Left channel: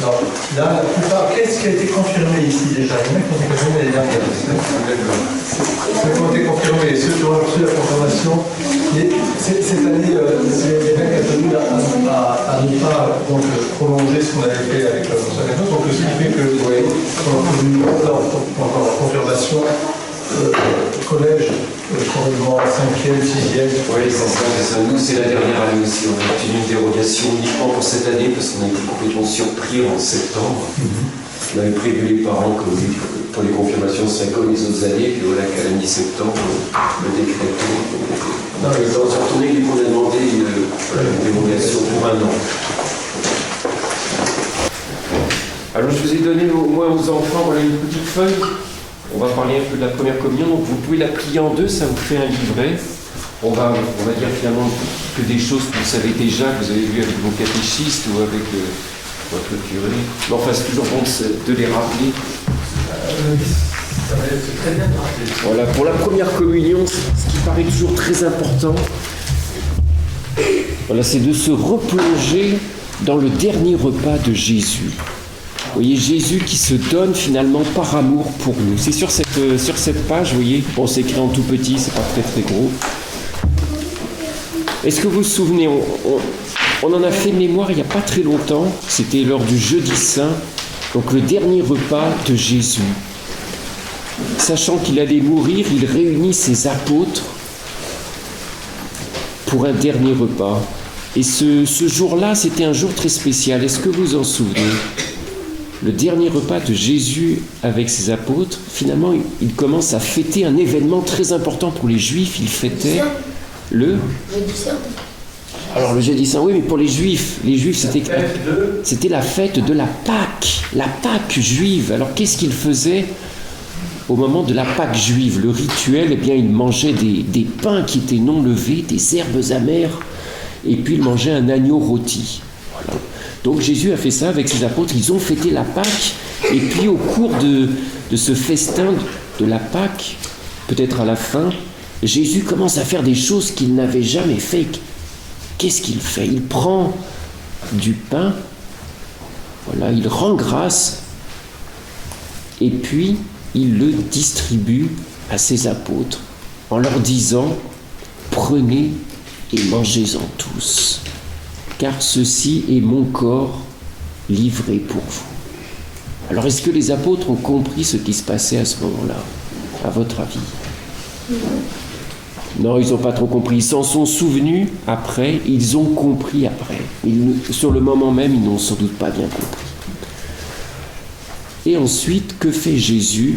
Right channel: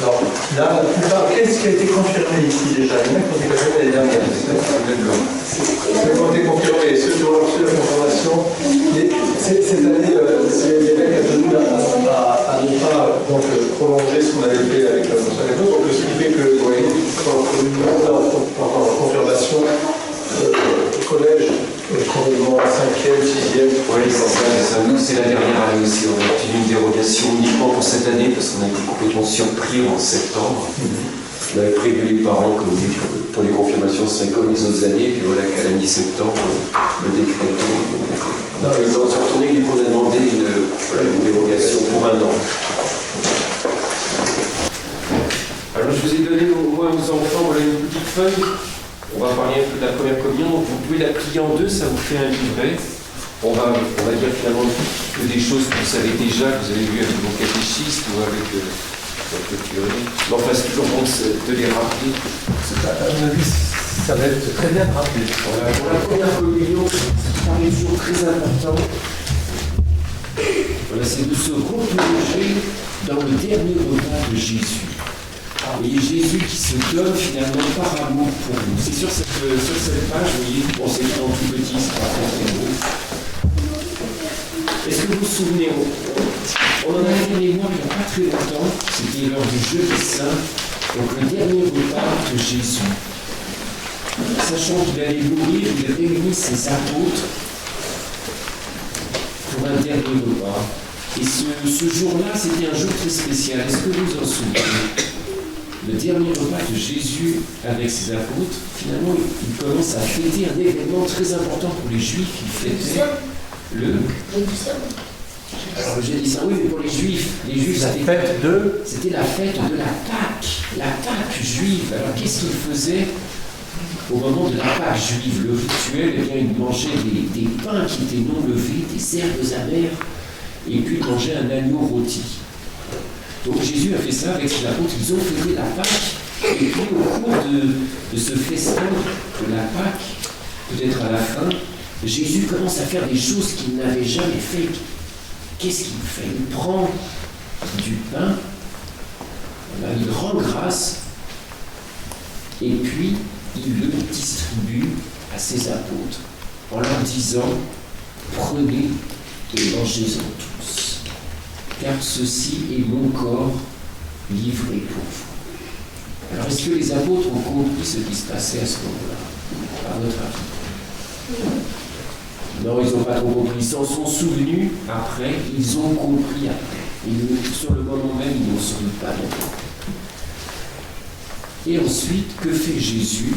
Alors, là, la plupart, qu'est-ce qui a été confirmé ici déjà? Il y en a qui ont été confirmés l'année dernière. Ceux qui ont été confirmés, ceux qui ont reçu la confirmation. Et cette année, l'évêque a tenu à ne pas donc, prolonger ce qu'on avait fait avec le Saint-Église. Donc, ce qui fait que, vous voyez, quand on a confirmation, collège, probablement 5e, 6e. Oui, c'est ça. Nous, c'est la dernière année aussi. On a obtenu une dérogation uniquement pour cette année parce qu'on a été complètement surpris en septembre. On avait prévu les parents que pour les confirmations, ce serait comme les autres années. Puis voilà qu'à la mi-septembre, le décret tombe. Non, ils ont retourné et on a demandé une dérogation pour 1 an. Alors, je vous ai donné au moins aux enfants voilà, une petite feuille. On va parler un peu de la première communion, donc vous pouvez la plier en 2, ça vous fait un livret. On va dire finalement que des choses que vous savez déjà, que vous avez vues avec vos catéchistes ou avec votre curé. Mais enfin, c'est toujours bon de les rappeler. Ça va être très bien rappelé. Voilà, pour la première communion, ce qui paraît toujours très important, voilà, c'est de se replonger dans le dernier repas de Jésus. Vous voyez, Jésus qui se donne finalement par amour pour nous. C'est sur cette page, vous voyez, bon, c'est écrit en tout petit, c'est pas très très gros. Est-ce que vous vous souvenez, on en a fait mémoire il n'y a pas très longtemps, c'était lors du Jeudi Saint, donc le dernier repas de Jésus. Sachant qu'il allait mourir, il réunit ses apôtres pour un dernier repas. Et ce jour-là, c'était un jour très spécial. Est-ce que vous vous en souvenez ? Le dernier repas de Jésus avec ses apôtres, finalement, il commence à fêter un événement très important pour les Juifs. Il fêtait le Jeudi Saint. Alors le Jeudi Saint, oui, mais pour les Juifs c'était la fête de la Pâque juive. Alors qu'est-ce qu'ils faisaient au moment de la Pâque juive? Le rituel, eh bien, ils mangeaient des pains qui étaient non levés, des herbes amères, et puis ils mangeaient un agneau rôti. Voilà. Donc Jésus a fait ça avec ses apôtres, ils ont fêté la Pâque, et puis au cours de ce festin de la Pâque, peut-être à la fin, Jésus commence à faire des choses qu'il n'avait jamais fait. Qu'est-ce qu'il fait? Il prend du pain, voilà, il rend grâce, et puis il le distribue à ses apôtres en leur disant « Prenez et mangez-en tous, car ceci est mon corps livré pour vous. » Alors, est-ce que les apôtres ont compris ce qui se passait à ce moment-là, à votre avis? Non, ils n'ont pas trop compris. Ils s'en sont souvenus après, ils ont compris après. Sur le moment même, ils n'ont sans doute pas bien compris. Et ensuite, que fait Jésus?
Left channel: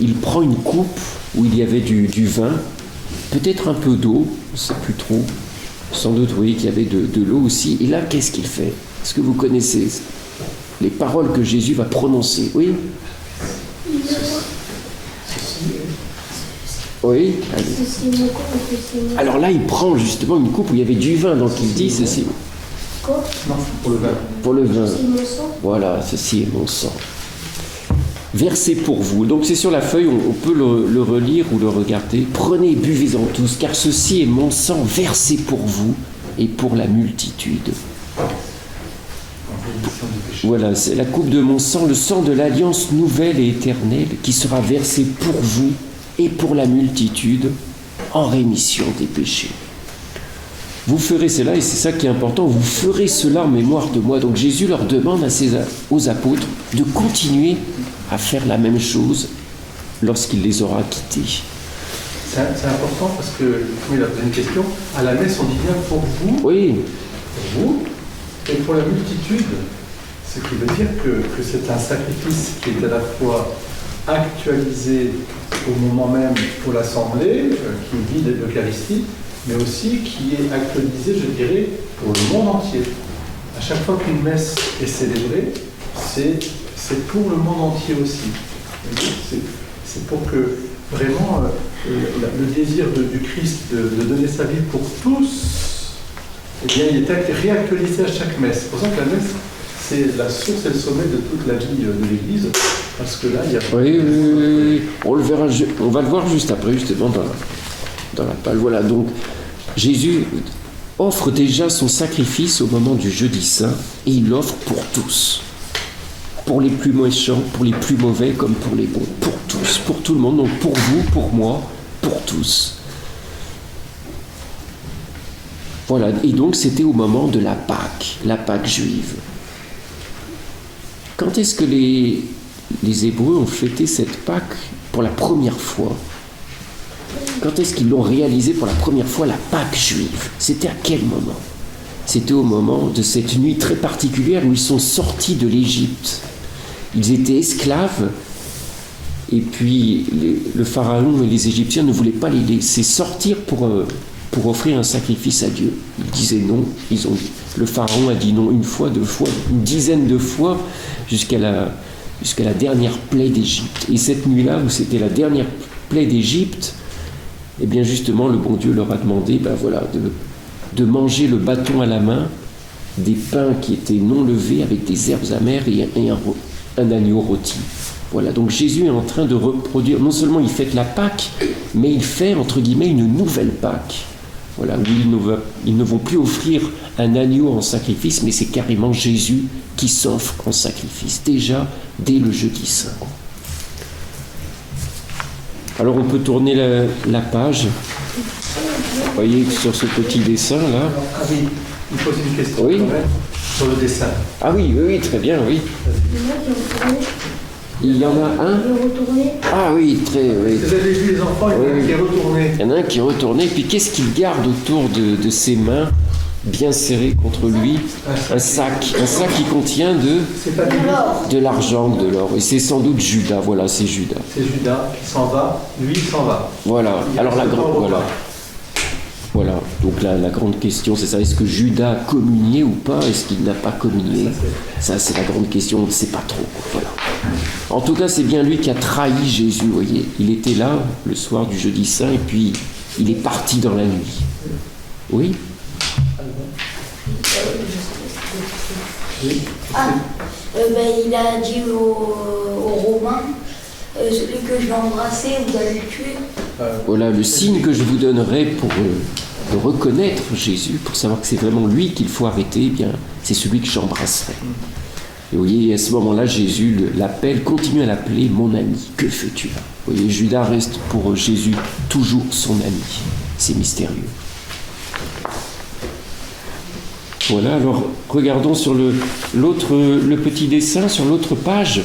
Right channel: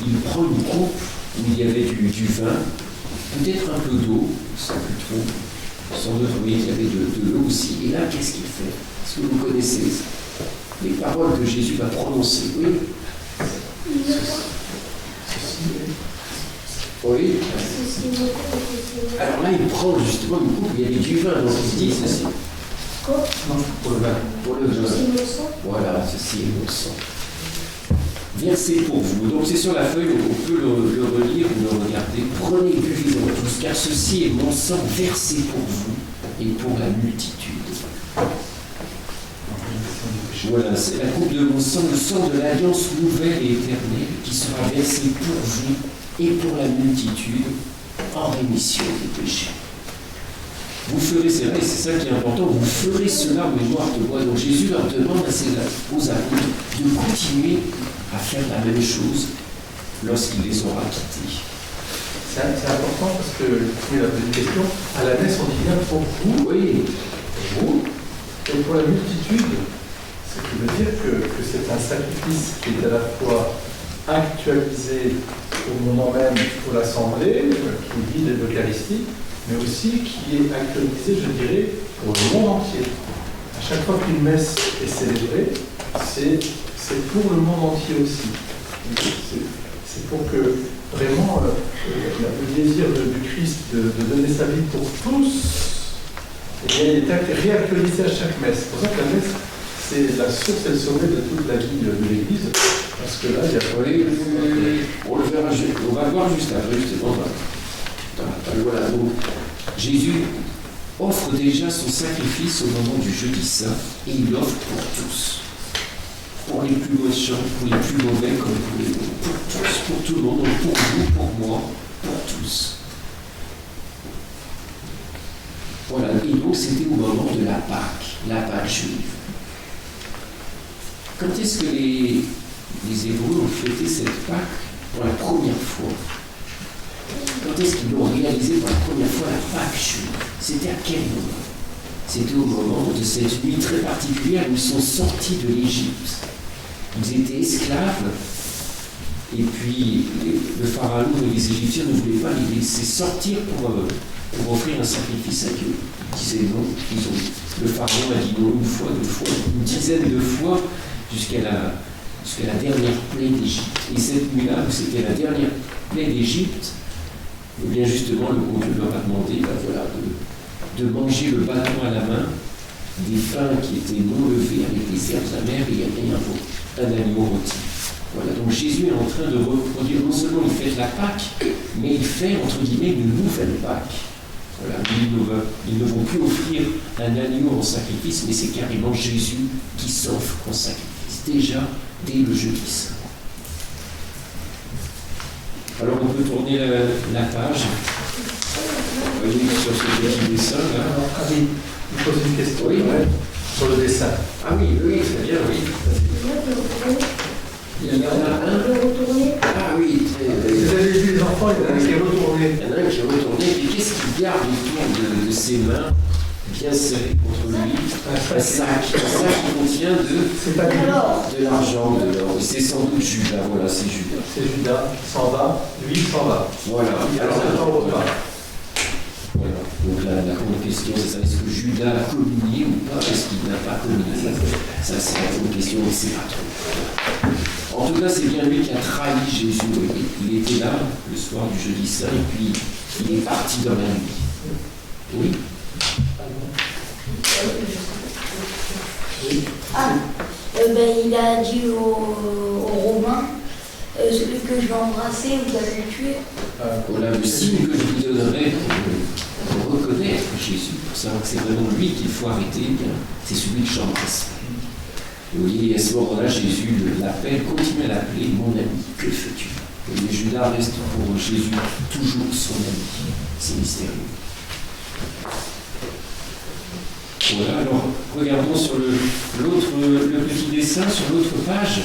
Il prend une coupe où il y avait du vin, peut-être un peu d'eau, je ne sais plus trop. Sans doute, vous voyez qu'il y avait de l'eau aussi. Et là, qu'est-ce qu'il fait? Est-ce que vous connaissez les paroles que Jésus va prononcer? Oui? Oui. Alors là, il prend justement une coupe où il y avait du vin, donc il dit ceci. Non, pour le vin. Pour le vin. Voilà, ceci est mon sang. Versé pour vous. Donc c'est sur la feuille, on peut le relire ou le regarder. Prenez et buvez-en tous, car ceci est mon sang versé pour vous et pour la multitude. Voilà, c'est la coupe de mon sang, le sang de l'alliance nouvelle et éternelle qui sera versé pour vous et pour la multitude en rémission des péchés. Vous ferez cela, et c'est ça qui est important, vous ferez cela en mémoire de moi. Donc Jésus leur demande aux apôtres de continuer à faire la même chose lorsqu'il les aura quittés. C'est important parce que, il a posé une question, à la messe on dit bien pour vous, oui. Pour vous, et pour la multitude, ce qui veut dire que c'est un sacrifice qui est à la fois actualisé au moment même pour l'Assemblée, qui vit de l'Eucharistie, mais aussi qui est actualisé, je dirais, pour le monde entier. À chaque fois qu'une messe est célébrée, c'est pour le monde entier aussi. C'est pour que vraiment le désir du Christ de donner sa vie pour tous, eh bien, il est réactualisé à chaque messe. C'est pour ça que la messe, c'est la source et le sommet de toute la vie de l'Église, parce que là, il y a... Oui. On va le voir juste après, justement, dans la page. Voilà, donc Jésus offre déjà son sacrifice au moment du Jeudi Saint, et il l'offre pour tous. pour les plus méchants, pour les plus mauvais comme pour les bons, pour tous, pour tout le monde, donc pour vous, pour moi, pour tous. Voilà, et donc c'était au moment de la Pâque juive. Quand est-ce que les Hébreux ont fêté cette Pâque pour la première fois? Quand est-ce qu'ils l'ont réalisé pour la première fois, la Pâque juive? C'était à quel moment? C'était au moment de cette nuit très particulière où ils sont sortis de l'Égypte. Ils étaient esclaves, et puis le Pharaon et les Égyptiens ne voulaient pas les laisser sortir pour offrir un sacrifice à Dieu. Ils disaient non. Le Pharaon a dit non une fois, deux fois, une dizaine de fois, jusqu'à la dernière plaie d'Égypte. Et cette nuit-là, où c'était la dernière plaie d'Égypte, eh bien justement, le bon Dieu leur a demandé de manger le bâton à la main, des pains qui étaient non levés avec des herbes amères et un agneau rôti. Voilà, donc Jésus est en train de reproduire, non seulement il fête la Pâque, mais il fait, entre guillemets, une nouvelle Pâque. Voilà, ils ne vont plus offrir un agneau en sacrifice, mais c'est carrément Jésus qui s'offre en sacrifice, déjà dès le jeudi saint. Alors on peut tourner la page. Vous voyez sur ce petit dessin là. Ah oui, il pose une question sur le dessin. Ah oui, très bien, oui. Il y en a un. Ah oui, très. Vous avez vu les enfants, il y en a un qui est retourné. Il y en a un qui est retourné, puis qu'est-ce qu'il garde autour de ses mains, bien serrées contre lui? Un sac qui contient de l'argent, de l'or. Et c'est sans doute Judas, voilà, c'est Judas. C'est Judas qui s'en va, lui il s'en va. Voilà, alors voilà, donc la grande question c'est ça, est-ce que Judas a communié ou pas? Est-ce qu'il n'a pas communié? Ça c'est la grande question, on ne sait pas trop. En tout cas, c'est bien lui qui a trahi Jésus, vous voyez. Il était là le soir du jeudi saint et puis il est parti dans la nuit. Oui? Il a dit aux Romains, celui que je vais embrasser, vous allez le tuer. Voilà, le signe que je vous donnerai pour reconnaître Jésus, pour savoir que c'est vraiment lui qu'il faut arrêter, eh bien, c'est celui que j'embrasserai. Et vous voyez, à ce moment-là, Jésus l'appelle, continue à l'appeler mon ami. Que fais-tu? Vous voyez, Judas reste pour Jésus toujours son ami. C'est mystérieux. Voilà, alors regardons sur le petit dessin, sur l'autre page.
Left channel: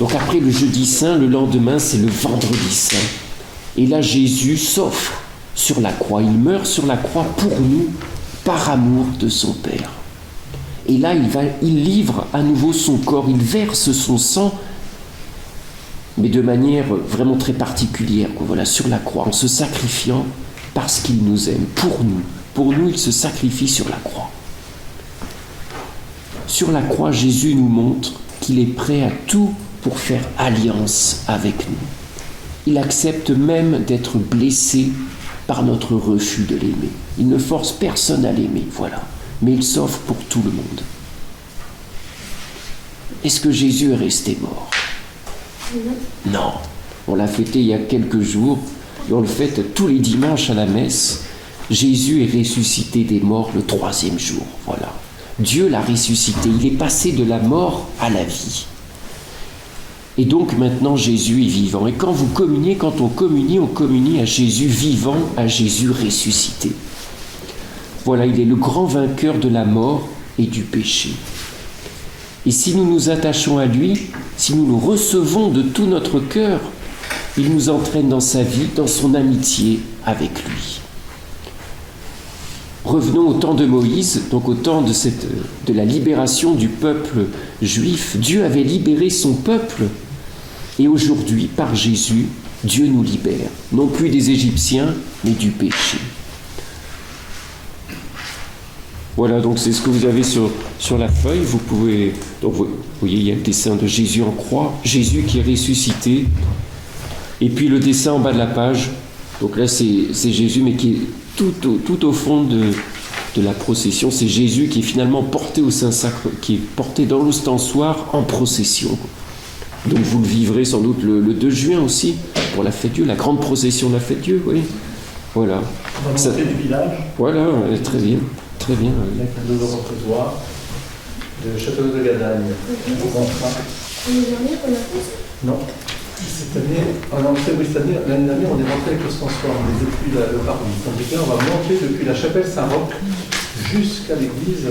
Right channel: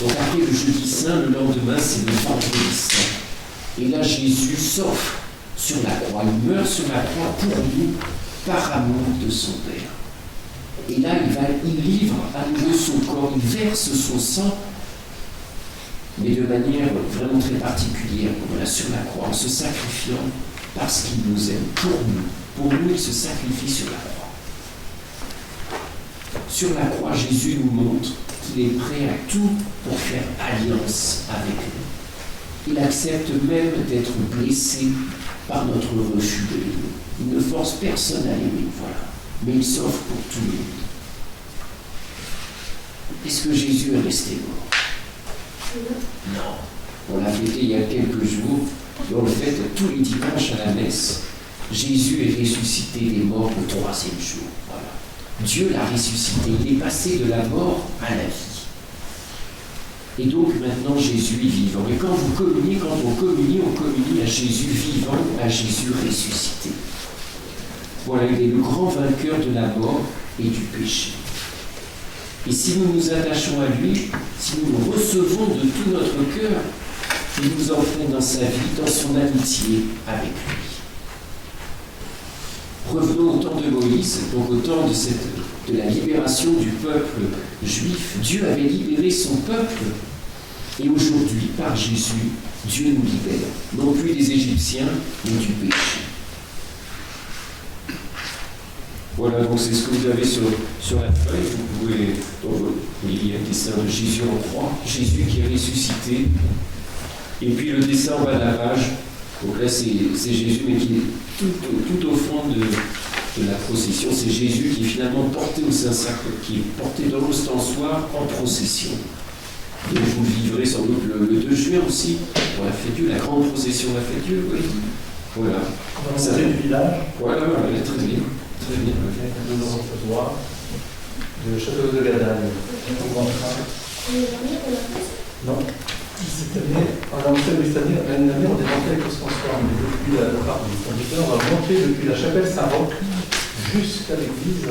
Donc après le jeudi saint, le lendemain, c'est le vendredi saint. Et là, Jésus s'offre sur la croix. Il meurt sur la croix pour nous, par amour de son Père. Et là, il livre à nouveau son corps, il verse son sang, mais de manière vraiment très particulière, voilà, sur la croix, en se sacrifiant parce qu'il nous aime, pour nous. Pour nous, il se sacrifie sur la croix. Sur la croix, Jésus nous montre qu'il est prêt à tout pour faire alliance avec nous. Il accepte même d'être blessé par notre refus de l'aimer. Il ne force personne à l'aimer, voilà. Mais il s'offre pour tout le monde. Est-ce que Jésus est resté mort? Non. On l'a fêté il y a quelques jours, et on le fête tous les dimanches à la messe. Jésus est ressuscité des morts le 3e jour, voilà. Dieu l'a ressuscité, il est passé de la mort à la vie. Et donc maintenant Jésus est vivant. Et quand on communie à Jésus vivant, à Jésus ressuscité. Voilà, il est le grand vainqueur de la mort et du péché. Et si nous nous attachons à lui, si nous le recevons de tout notre cœur, il nous entraîne dans sa vie, dans son amitié avec lui. Revenons au temps de Moïse, donc au temps de la libération du peuple juif. Dieu avait libéré son peuple, et aujourd'hui, par Jésus, Dieu nous libère, non plus des Égyptiens, mais du péché. Voilà, donc c'est ce que vous avez sur la feuille. Vous pouvez, donc vous voyez, il y a le dessin de Jésus en croix, Jésus qui est ressuscité, et puis le dessin en bas de la page. Donc là, c'est Jésus, mais qui est tout au fond de la procession. C'est Jésus qui est finalement porté au Saint-Sacre, qui est porté dans l'ostensoir en procession. Donc vous le vivrez sans doute le 2 juin aussi, pour la fête Dieu, la grande procession de la fête Dieu, oui. Voilà. On va monter du village. Voilà, très bien. Très bien. De nos reposoirs, de Château de Gadagne. On rentrera. Non. Cette année, en entrée, oui, cette année, l'année dernière, on est monté avec Constançois, mais depuis le parvis. Tandis que là, on va monter depuis la chapelle Saint-Roch jusqu'à l'église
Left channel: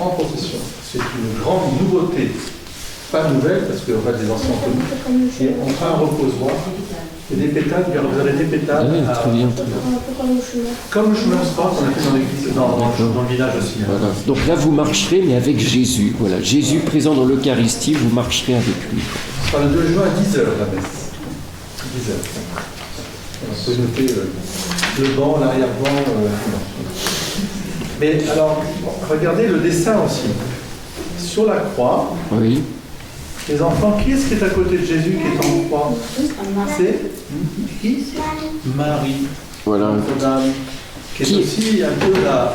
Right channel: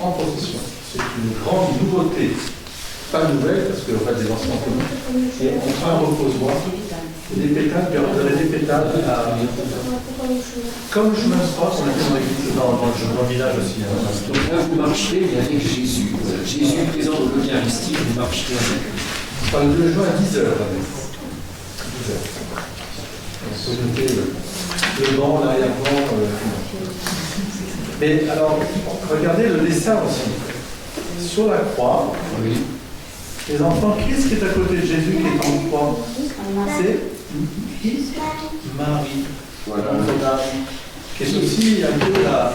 en procession. C'est une grande nouveauté. Pas nouvelle, parce qu'on va des anciens communs. Et on fera un reposoir. Et des pétales, vous aurez des pétales comme le chemin de croix qu'on a fait dans l'église, dans le village aussi. Voilà. Donc là, vous marcherez, mais avec Jésus. Voilà. Jésus présent dans l'Eucharistie, vous marcherez avec lui. Enfin, le 2 juin à 10h, la messe. 10h. On peut noter le banc, l'arrière-banc. Mais alors, regardez le dessin aussi. Sur la croix, Oui. les enfants, qui est-ce qui est à côté de Jésus qui est en croix? C'est qui? Marie. Voilà. Notre-Dame, qui est aussi un peu la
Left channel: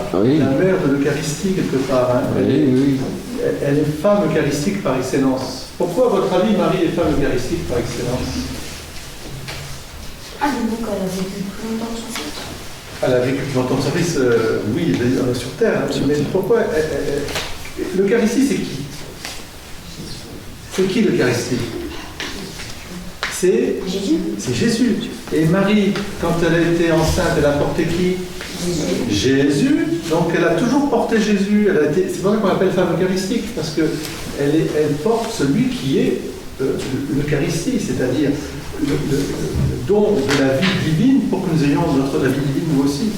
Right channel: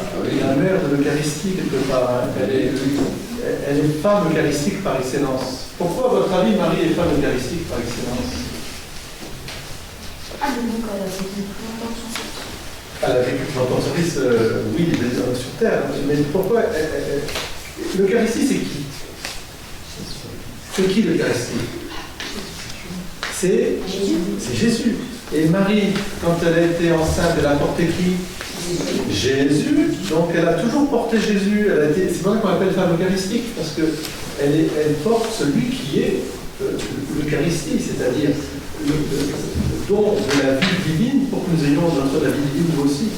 mère de l'Eucharistie quelque part. Hein. Elle est femme eucharistique par excellence. Pourquoi, à votre avis, Marie est femme eucharistique par excellence? Ah, donc elle a vécu plus longtemps que son fils. Elle a vécu plus longtemps que son fils, oui, sur Terre. Mais pourquoi l'Eucharistie, c'est qui? C'est qui l'Eucharistie? C'est Jésus. C'est Jésus. Et Marie, quand elle a été enceinte, elle a porté qui? Jésus. Donc elle a toujours porté Jésus. C'est pour ça qu'on l'appelle femme eucharistique, parce qu'elle porte celui qui est l'Eucharistie, c'est-à-dire le don de la vie divine pour que nous ayons la vie divine nous aussi.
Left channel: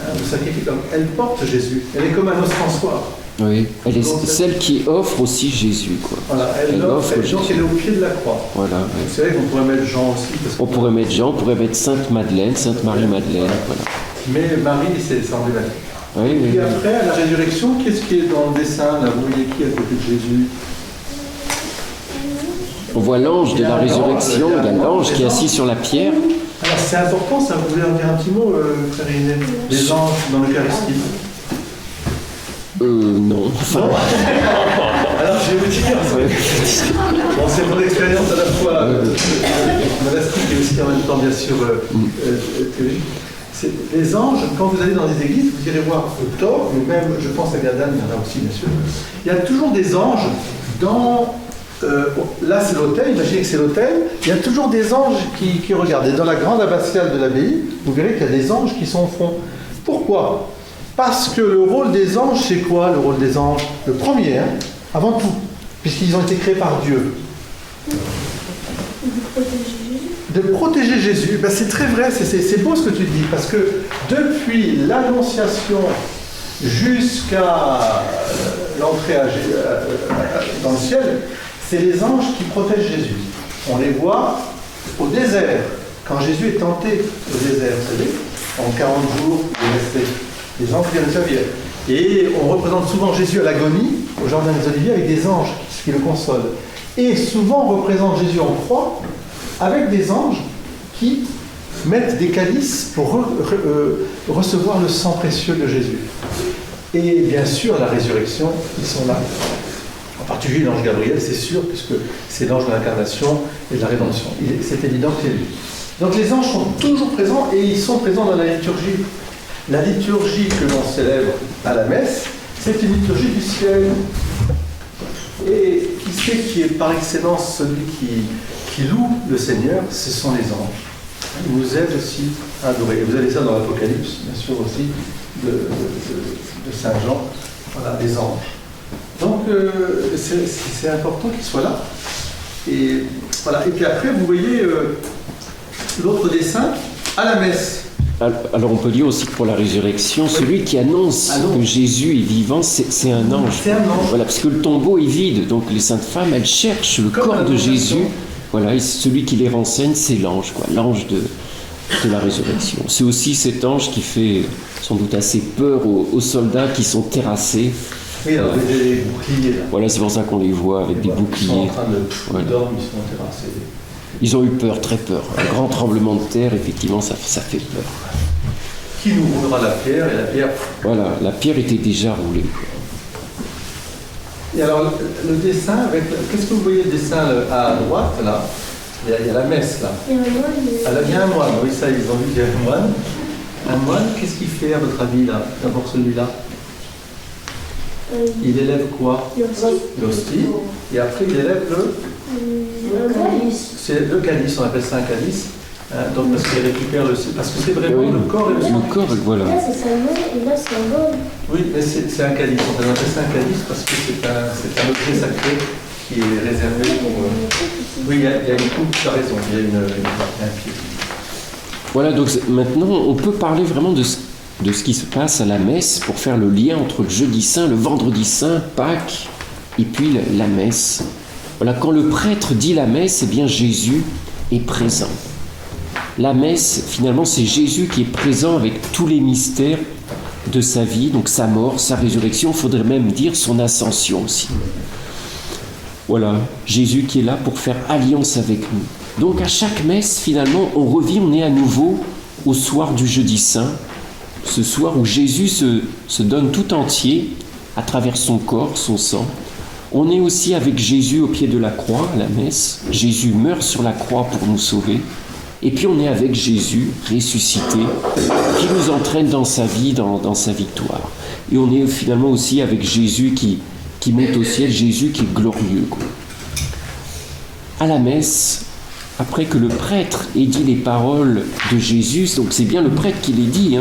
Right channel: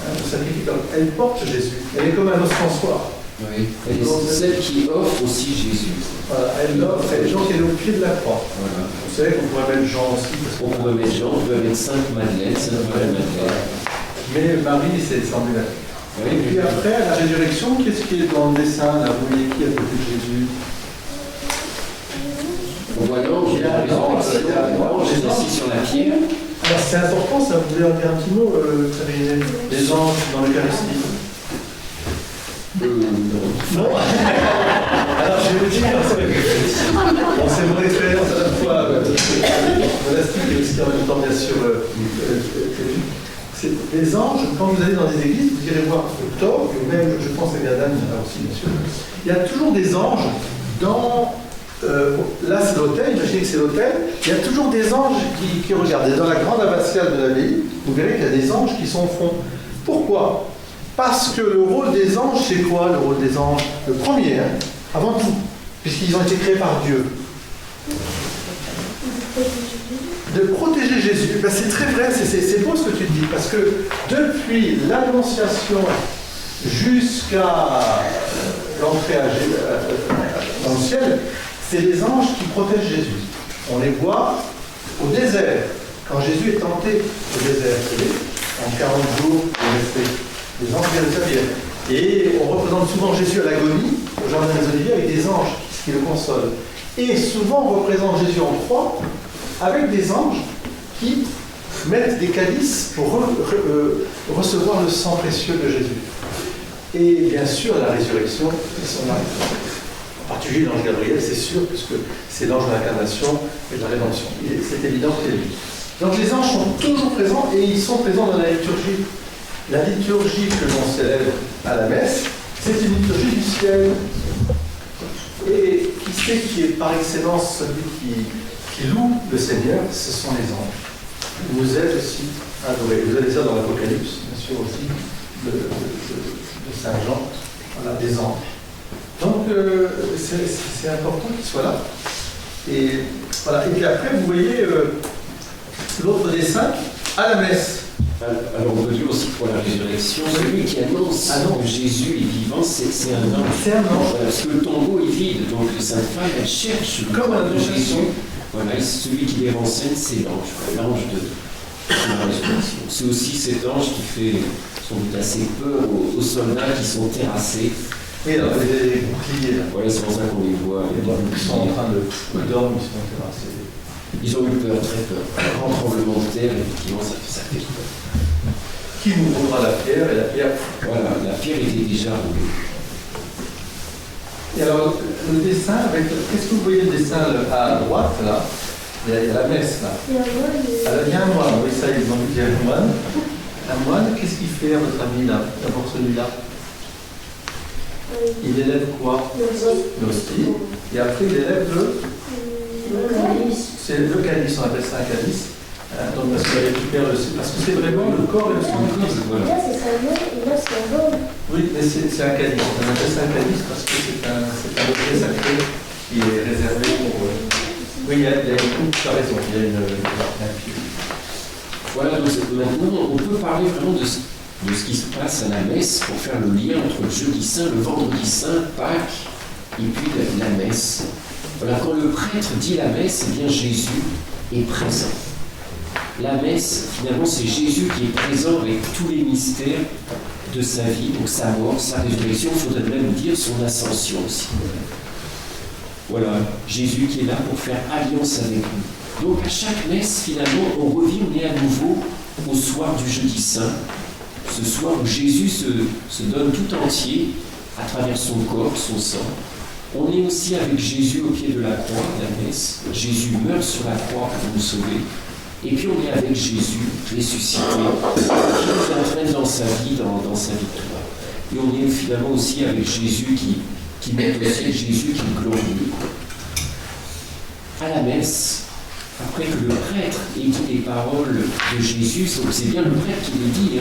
Hein, le sacrifice. Donc elle porte Jésus. Elle est comme un oscensoir. Oui. Elle est celle qui offre aussi Jésus. Quoi. Voilà, elle offre, donc elle est au pied de la croix. Voilà. Vous savez qu'on pourrait mettre Jean aussi. Parce on pourrait mettre Jean, on pourrait mettre Sainte Madeleine, Sainte Marie-Madeleine. Voilà. Mais Marie, c'est emblématique. Oui, et puis après, à la résurrection, qu'est-ce qui est dans le dessin? Là, vous voyez qui à côté de Jésus? On voit l'ange de la résurrection, l'ange qui est assis sur la pierre. Alors c'est important, ça, vous voulez en dire un petit mot, Karine? Les anges dans l'Eucharistie. Non. Bon. Alors je vais vous dire, bon, c'est mon expérience à la fois monastique et aussi en même temps bien sûr théologique. Les anges, quand vous allez dans des églises, vous irez voir Thor, et même je pense à Gadane, il y en a aussi bien sûr. Il y a toujours des anges dans... là c'est l'autel, imaginez que c'est l'autel, il y a toujours des anges qui regardent. Et dans la grande abbatiale de l'abbaye, vous verrez qu'il y a des anges qui sont au fond. Pourquoi? Parce que le rôle des anges, c'est quoi le rôle des anges? Le premier, hein, avant tout, puisqu'ils ont été créés par Dieu. De protéger Jésus. Ben, c'est très vrai, c'est beau ce que tu dis, parce que depuis l'Annonciation jusqu'à l'entrée dans le ciel, c'est les anges qui protègent Jésus. On les voit au désert, quand Jésus est tenté au désert, vous savez, en 40 jours, il est resté. Les anges viennent servir. Et on représente souvent Jésus à l'agonie, au jardin des Oliviers, avec des anges qui le consolent. Et souvent on représente Jésus en croix, avec des anges qui mettent des calices pour recevoir le sang précieux de Jésus. Et bien sûr, à la résurrection, ils sont là. En particulier l'ange Gabriel, c'est sûr, puisque c'est l'ange de l'incarnation et de la rédemption. C'est évident qu'il est lui. Donc les anges sont toujours présents et ils sont présents dans la liturgie. La liturgie que l'on célèbre à la messe, c'est une liturgie du ciel. Et qui c'est qui est par excellence celui qui loue le Seigneur? Ce sont les anges. Ils nous aident aussi à adorer. Vous avez ça dans l'Apocalypse, bien sûr aussi, de Saint Jean. Voilà, des anges. Donc, c'est important qu'ils soient là. Et, voilà. Et puis après, vous voyez l'autre dessin à la messe. Alors on peut dire aussi pour la résurrection, celui qui annonce que Jésus est vivant, c'est un ange. C'est un ange. Voilà, parce que le tombeau est vide, donc les saintes femmes, elles cherchent le corps de Jésus. Voilà, et celui qui les renseigne, c'est l'ange, l'ange de la résurrection. C'est aussi cet ange qui fait sans doute assez peur aux soldats qui sont terrassés. Oui, alors les boucliers. Là. Voilà, c'est pour ça qu'on les voit avec des boucliers. Ils sont en train de dormir, ils sont terrassés. Ils ont eu peur, très peur. Un grand tremblement de terre, effectivement, ça fait peur. Qui nous roulera la pierre et la pierre... Voilà, la pierre était déjà roulée. Et alors, le dessin, qu'est-ce que vous voyez le dessin à droite, là? Il y a la messe, là. Il y a un moine, oui, ça, ils ont vu qu'il y a un moine. Un moine, qu'est-ce qu'il fait, à votre avis, là? D'abord celui-là. Il élève quoi? L'hostie. Et après, il élève Le calice. C'est le calice, on appelle ça un calice. Donc parce qu'il récupère parce que c'est vraiment le corps et le sang. Le corps, voilà. Là, c'est sa main et là, c'est un bol. Oui, mais c'est un calice. On appelle ça un calice parce que c'est un objet sacré qui est réservé pour. Oui, il y a une coupe, tu as raison, il y a un pied. Voilà, donc maintenant on peut parler vraiment de ce qui se passe à la messe pour faire le lien entre le jeudi saint, le vendredi saint, Pâques et puis la messe. Voilà, quand le prêtre dit la messe, eh bien Jésus est présent. La messe, finalement, c'est Jésus qui est présent avec tous les mystères de sa vie, donc sa mort, sa résurrection, il faudrait même dire son ascension aussi. Voilà, Jésus qui est là pour faire alliance avec nous. Donc à chaque messe, finalement, on est à nouveau au soir du jeudi saint, ce soir où Jésus se donne tout entier à travers son corps, son sang. On est aussi avec Jésus au pied de la croix, la messe. Jésus meurt sur la croix pour nous sauver. Et puis on est avec Jésus ressuscité, qui nous entraîne dans sa vie, dans sa victoire. Et on est finalement aussi avec Jésus qui monte au ciel, Jésus qui est glorieux. À la messe, après que le prêtre ait dit les paroles de Jésus, donc c'est bien le prêtre qui les dit,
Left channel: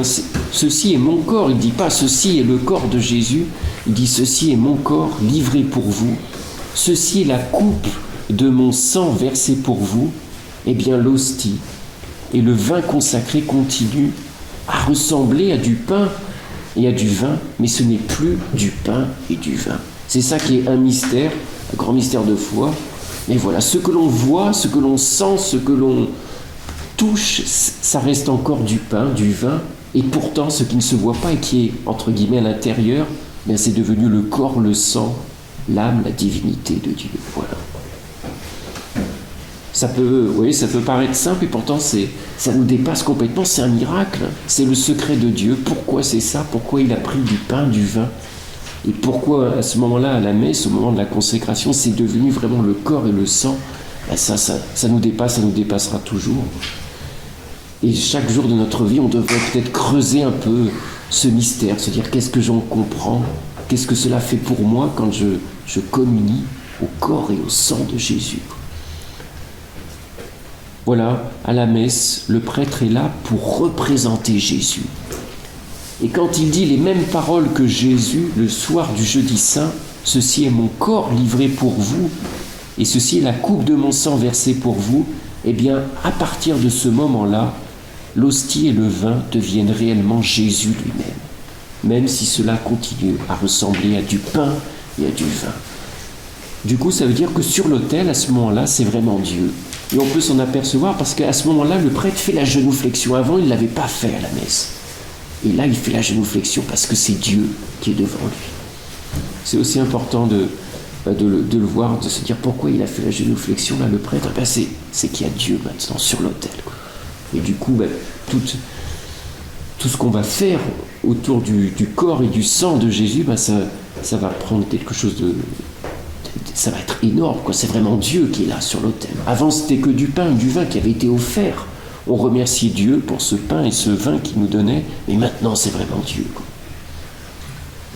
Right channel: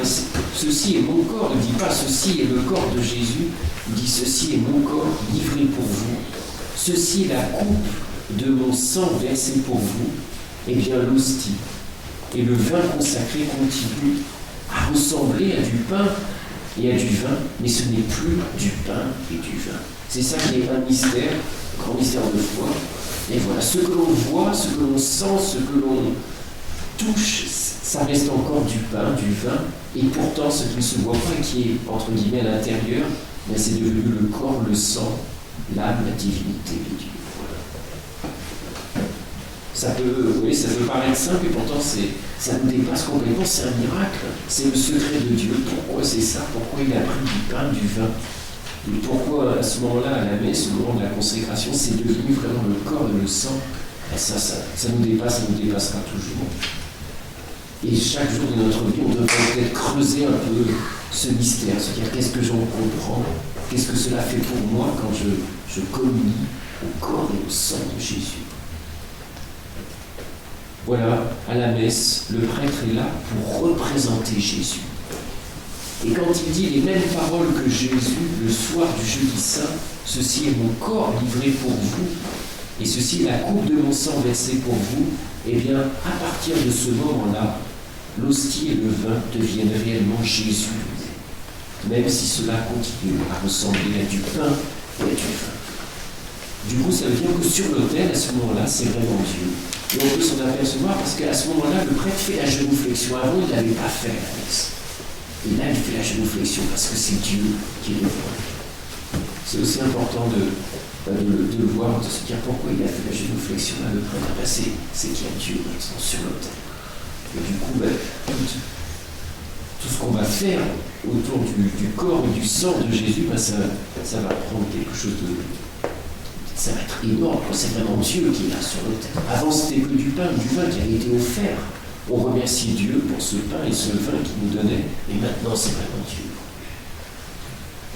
ceci est mon corps, il ne dit pas ceci est le corps de Jésus, il dit ceci est mon corps livré pour vous, ceci est la coupe de mon sang versé pour vous, eh bien l'hostie et le vin consacré continuent à ressembler à du pain et à du vin, mais ce n'est plus du pain et du vin. C'est ça qui est un mystère, un grand mystère de foi. Et voilà, ce que l'on voit, ce que l'on sent, ce que l'on touche, ça reste encore du pain, du vin, et pourtant ce qui ne se voit pas et qui est entre guillemets à l'intérieur, bien c'est devenu le corps, le sang, l'âme, la divinité de Dieu. Voilà. Ça peut paraître simple et pourtant ça nous dépasse complètement, c'est un miracle, c'est le secret de Dieu. Pourquoi c'est ça? Pourquoi il a pris du pain, du vin? Et pourquoi à ce moment-là, à la messe, au moment de la consécration, c'est devenu vraiment le corps et le sang? Ben ça nous dépasse, ça nous dépassera toujours. Et chaque jour de notre vie, on devrait peut-être creuser un peu ce mystère, se dire qu'est-ce que j'en comprends, qu'est-ce que cela fait pour moi quand je communie au corps et au sang de Jésus. Voilà, à la messe, le prêtre est là pour représenter Jésus. Et quand il dit les mêmes paroles que Jésus le soir du jeudi saint, « Ceci est mon corps livré pour vous, et ceci est la coupe de mon sang versée pour vous », eh bien, à partir de ce moment-là, l'hostie et le vin deviennent réellement Jésus lui-même, même si cela continue à ressembler à du pain et à du vin. Du coup, ça veut dire que sur l'autel, à ce moment-là, c'est vraiment Dieu. Et on peut s'en apercevoir parce qu'à ce moment-là, le prêtre fait la genuflexion. Avant, il ne l'avait pas fait à la messe. Et là, il fait la genuflexion parce que c'est Dieu qui est devant lui. C'est aussi important de le voir, de se dire pourquoi il a fait la genuflexion. Là, le prêtre, c'est qu'il y a Dieu maintenant sur l'autel. Et du coup, tout ce qu'on va faire autour du corps et du sang de Jésus, ça va prendre quelque chose de... Ça va être énorme, quoi. C'est vraiment Dieu qui est là sur l'autel. Avant, c'était que du pain, du vin qui avait été offert. On remerciait Dieu pour ce pain et ce vin qu'il nous donnait, mais maintenant, c'est vraiment Dieu, quoi.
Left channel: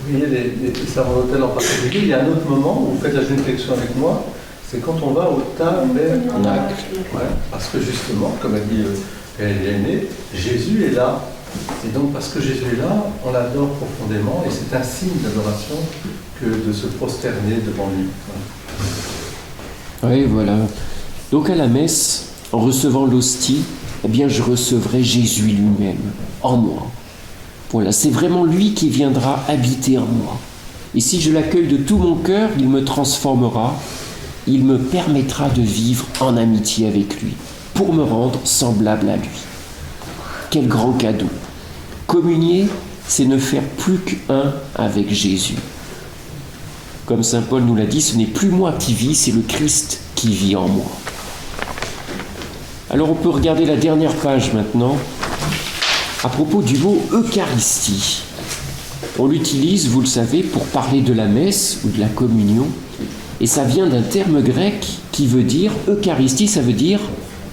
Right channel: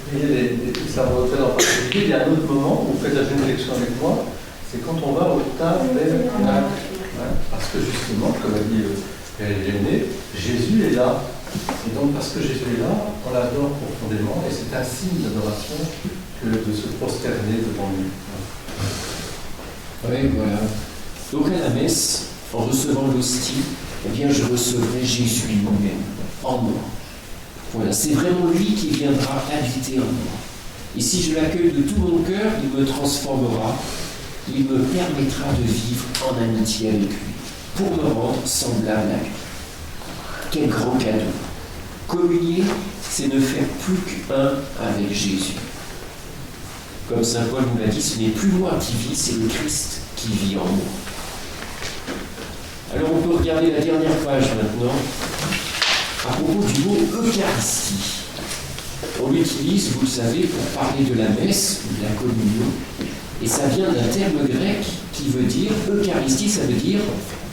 Vous voyez, les servants d'hôtel en particulier, il y a un autre moment où vous faites la génuflexion avec moi, c'est quand on va au tabernacle. Ouais, parce que justement, comme a dit Hélène, Jésus est là. Et donc, parce que Jésus est là, on l'adore profondément, et c'est un signe d'adoration que de se prosterner devant lui. Oui, voilà. Donc à la messe, en recevant l'hostie, eh bien je recevrai Jésus lui-même, en moi. Voilà, c'est vraiment lui qui viendra habiter en moi. Et si je l'accueille de tout mon cœur, il me transformera, il me permettra de vivre en amitié avec lui, pour me rendre semblable à lui. Quel grand cadeau! Communier, c'est ne faire plus qu'un avec Jésus. Comme saint Paul nous l'a dit, ce n'est plus moi qui vis, c'est le Christ qui vit en moi. Alors on peut regarder la dernière page maintenant, à propos du mot Eucharistie. On l'utilise, vous le savez, pour parler de la messe ou de la communion, et ça vient d'un terme grec qui veut dire, Eucharistie, ça veut dire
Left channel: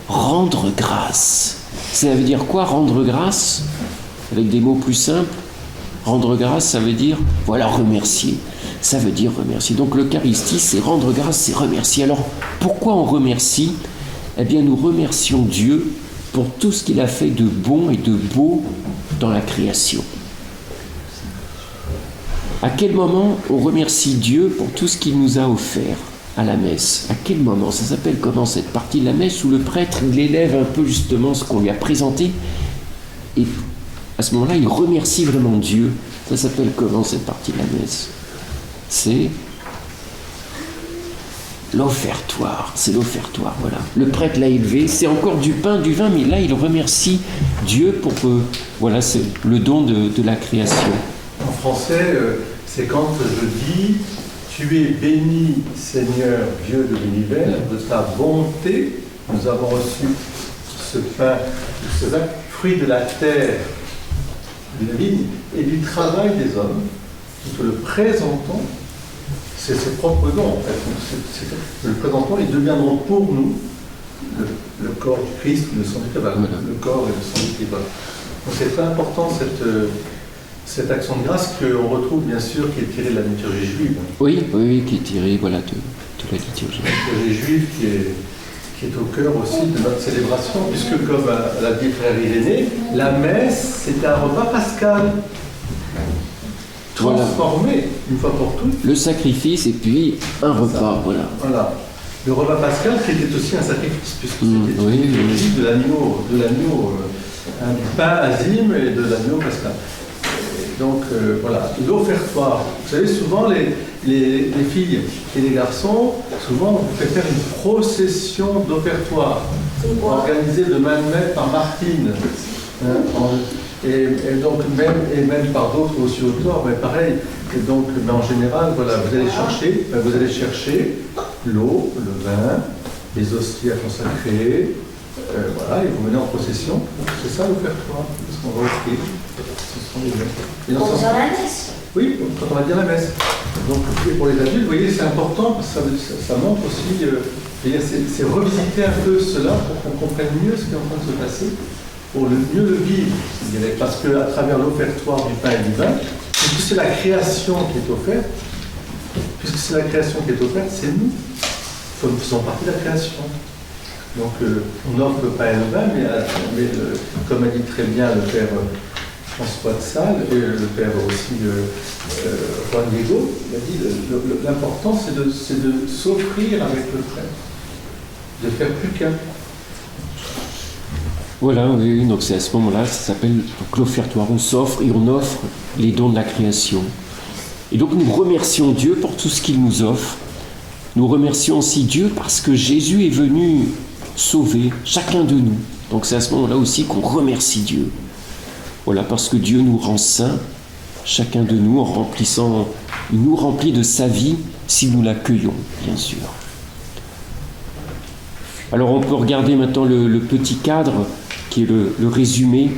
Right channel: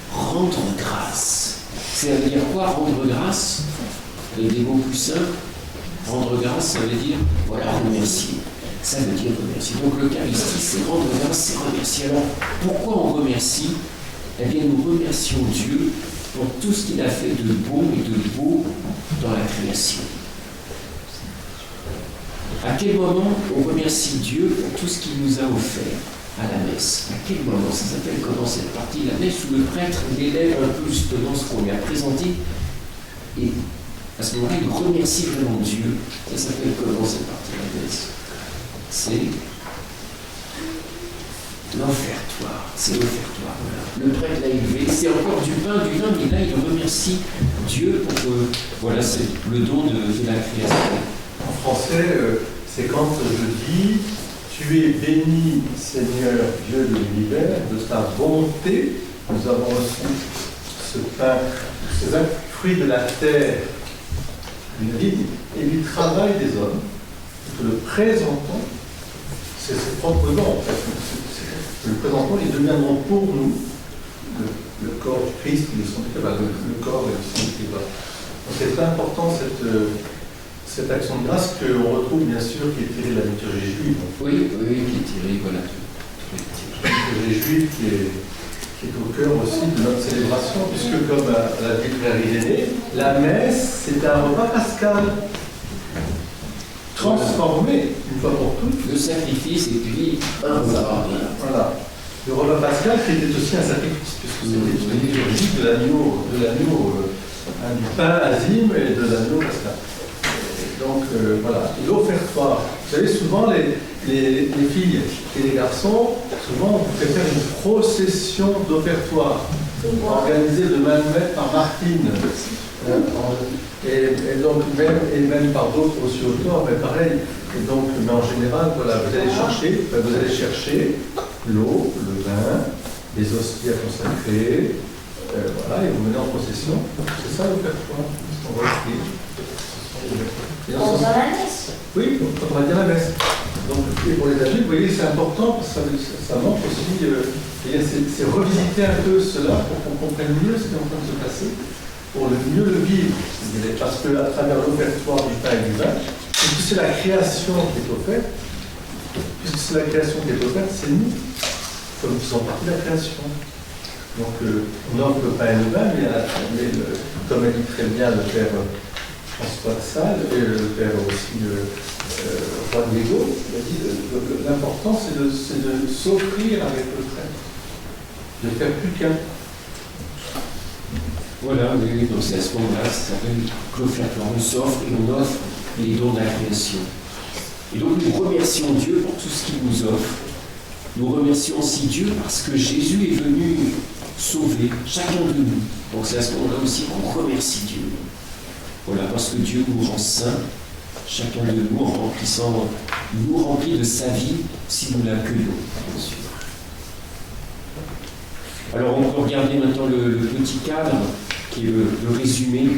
rendre grâce. Ça veut dire quoi, rendre grâce? Avec des mots plus simples, rendre grâce, ça veut dire, voilà, remercier. ça veut dire remercier. Donc l'Eucharistie, c'est rendre grâce, c'est remercier. Alors, pourquoi on remercie? Eh bien, nous remercions Dieu pour tout ce qu'il a fait de bon et de beau dans la création. À quel moment on remercie Dieu pour tout ce qu'il nous a offert à la messe? À quel moment? Ça s'appelle comment cette partie de la messe où le prêtre il élève un peu justement ce qu'on lui a présenté et à ce moment-là il remercie vraiment Dieu. Ça s'appelle comment cette partie de la messe? C'est l'offertoire. C'est l'offertoire, voilà. Le prêtre l'a élevé, c'est encore du pain, du vin, mais là il remercie Dieu pour que, voilà, c'est le don de la création. En français, c'est quand je dis « Tu es béni, Seigneur, Dieu de l'univers, de ta bonté, nous avons reçu ce pain, ce fruit de la terre, de la vigne, et du travail des hommes, nous te le présentons. » C'est ses propres dons, en fait. Nous le présentons, ils deviendront pour nous le corps du Christ, le sang du Christ, le corps et le sang du Christ. Donc c'est très important cette action de grâce qu'on retrouve bien sûr qui est tirée de la liturgie juive. Oui, qui est tirée voilà, de la liturgie. La liturgie juive qui est au cœur aussi de notre célébration, puisque comme l'a dit frère Irénée, la messe c'est un repas pascal transformé une fois pour toutes. Le sacrifice et puis un repas. Voilà. Le repas pascal qui était aussi un sacrifice, puisque c'était une liturgie de l'agneau, du pain azime et de l'agneau pascal. Donc voilà, l'offertoire. Vous savez, souvent les filles et les garçons, souvent on fait faire une procession d'offertoire, organisée de main de maître par Martine. Et donc même par d'autres aussi autour, mais pareil. Et donc, mais en général, voilà, vous allez chercher l'eau, le vin, les hosties à consacrer, voilà, et vous venez en procession. C'est ça l'offertoire, ce qu'on va offrir. Dans la messe. Oui, quand on va dire la messe. Donc, et pour les adultes, vous voyez, c'est important parce que ça montre aussi, c'est revisiter un peu cela pour qu'on comprenne mieux ce qui est en train de se passer, pour mieux le vivre, je dirais, parce qu'à travers l'offertoire du pain et du vin, puisque c'est la création qui est offerte, c'est nous. Nous faisons partie de la création. Donc, on offre le pain et le vin, mais comme a dit très bien le père François de Sales et le père aussi Juan Diego, il a dit l'important c'est de s'offrir avec le prêtre, de faire plus qu'un. Voilà, oui, donc c'est à ce moment-là, ça s'appelle l'offertoire. On s'offre et on offre les dons de la création. Et donc nous remercions Dieu pour tout ce qu'il nous offre. Nous remercions aussi Dieu parce que Jésus est venu sauver chacun de nous. Donc c'est à ce moment-là aussi qu'on remercie Dieu. Voilà, parce que Dieu nous rend saints, chacun de nous, il nous remplit de sa vie si nous l'accueillons, bien sûr. Alors on peut regarder maintenant le petit cadre, qui est le résumé.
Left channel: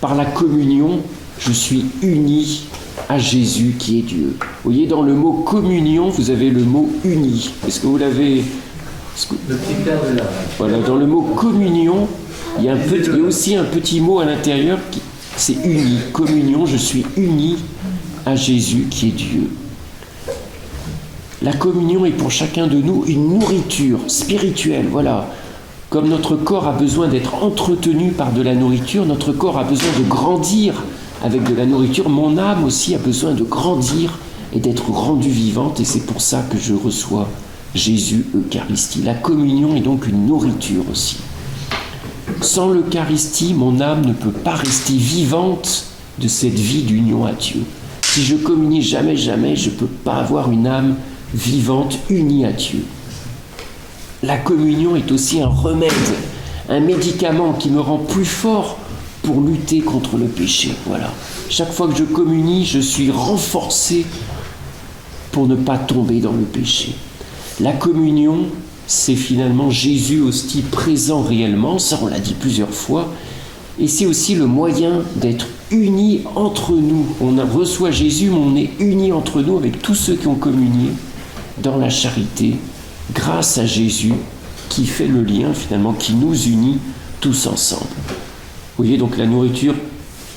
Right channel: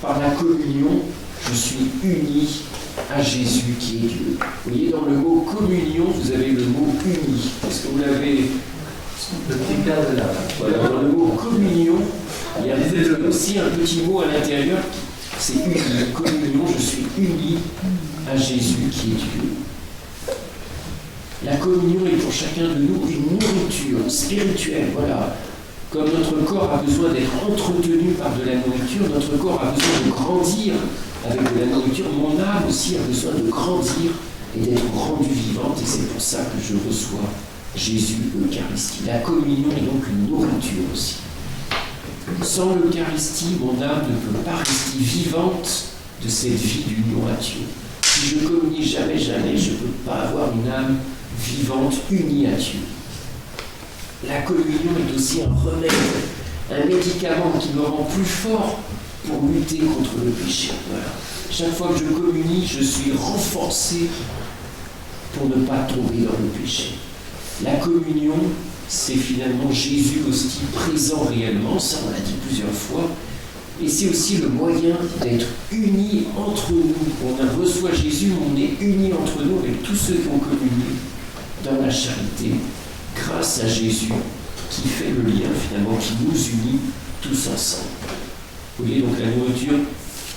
Par la communion, je suis uni à Jésus qui est Dieu. Vous voyez, dans le mot communion, vous avez le mot uni. Est-ce que vous l'avez... Le petit cadre est là. Voilà, dans le mot communion, il y a aussi un petit mot à l'intérieur qui... C'est uni, communion, je suis uni à Jésus qui est Dieu. La communion est pour chacun de nous une nourriture spirituelle, voilà. Comme notre corps a besoin d'être entretenu par de la nourriture, notre corps a besoin de grandir avec de la nourriture, mon âme aussi a besoin de grandir et d'être rendue vivante, et c'est pour ça que je reçois Jésus Eucharistie. La communion est donc une nourriture aussi. Sans l'Eucharistie, mon âme ne peut pas rester vivante de cette vie d'union à Dieu. Si je communie jamais, je ne peux pas avoir une âme vivante, unie à Dieu. La communion est aussi un remède, un médicament qui me rend plus fort pour lutter contre le péché. Voilà. Chaque fois que je communie, je suis renforcé pour ne pas tomber dans le péché. La communion, c'est finalement Jésus hostie présent réellement, ça on l'a dit plusieurs fois, et c'est aussi le moyen d'être unis entre nous. On reçoit Jésus, mais on est unis entre nous avec tous ceux qui ont communié dans la charité, grâce à Jésus qui fait le lien finalement, qui nous unit tous ensemble. Vous voyez donc la nourriture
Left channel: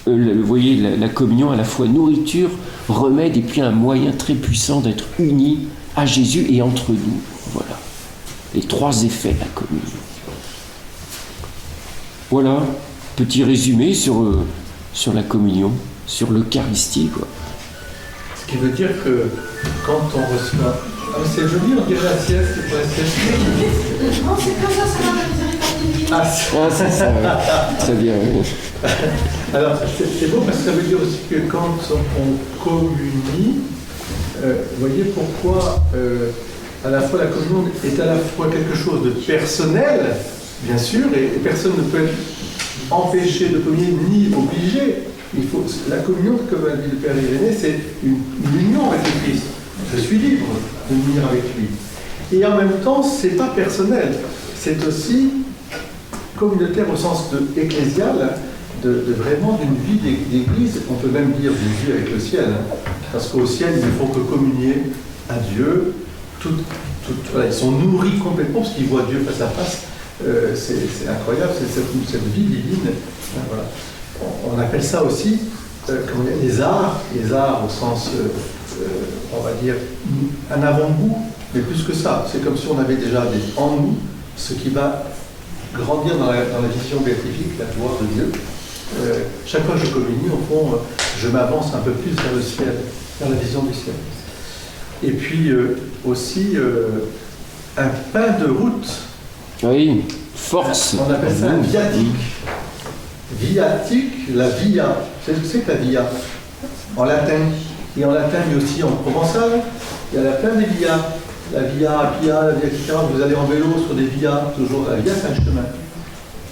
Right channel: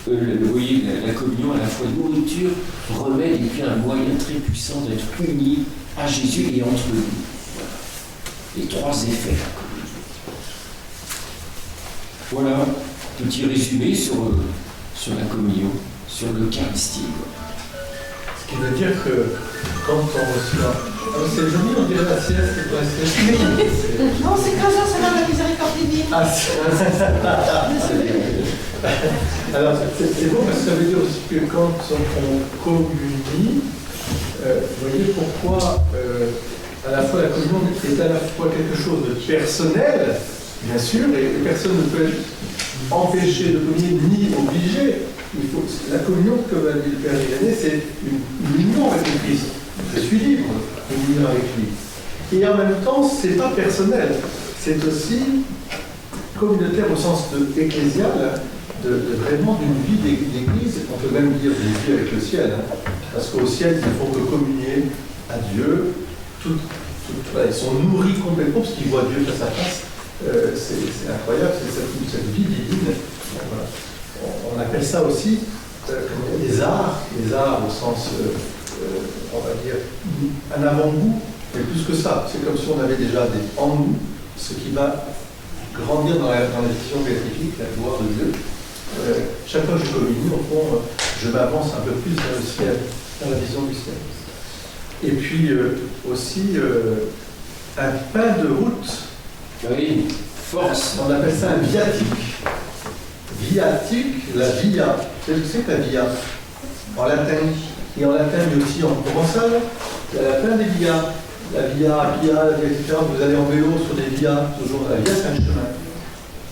vous voyez, la communion à la fois nourriture, remède et puis un moyen très puissant d'être unis à Jésus et entre nous. Voilà. Les trois effets de la communion. Voilà, petit résumé sur la communion, sur l'Eucharistie, quoi. Ce qui veut dire que quand on reçoit... Ah, c'est joli, on dirait la sieste, c'est pour la sieste. Non, c'est comme ça va la miséricorde divine. Ah, c'est ça. Ça veut dire, Alors, c'est bon parce que ça veut dire aussi que quand on communie, vous voyez pourquoi à la fois la communion est à la fois quelque chose de personnel, bien sûr, et personne ne peut être empêché de communier ni obligé. La communion, comme a dit le Père Irénée, c'est une union avec le Christ. Je suis libre de venir avec lui. Et en même temps, c'est pas personnel. C'est aussi communautaire au sens ecclésial, de vraiment d'une vie d'église. On peut même dire d'une vie avec le ciel. Hein, parce qu'au ciel, ils ne font que communier à Dieu. Voilà, ils sont nourris complètement parce qu'ils voient Dieu face à face. C'est incroyable, c'est cette vie divine. Voilà. On appelle ça aussi les arts au sens, on va dire, un avant-goût, mais plus que ça. C'est comme si on avait déjà en nous ce qui va grandir dans la vision béatifique, la gloire de Dieu. Chaque fois que je communie, au fond, je m'avance un peu plus vers le ciel, vers la vision du ciel. Et puis aussi un pain de route. oui, force. On appelle ça un viatique. Viatique, la via. Vous savez ce que c'est que la via? En latin. Et en latin, mais aussi en provençal, il y a la plein des vias. La via Appia, la via, etc. Vous allez en vélo sur des vias, toujours. La via, c'est un chemin.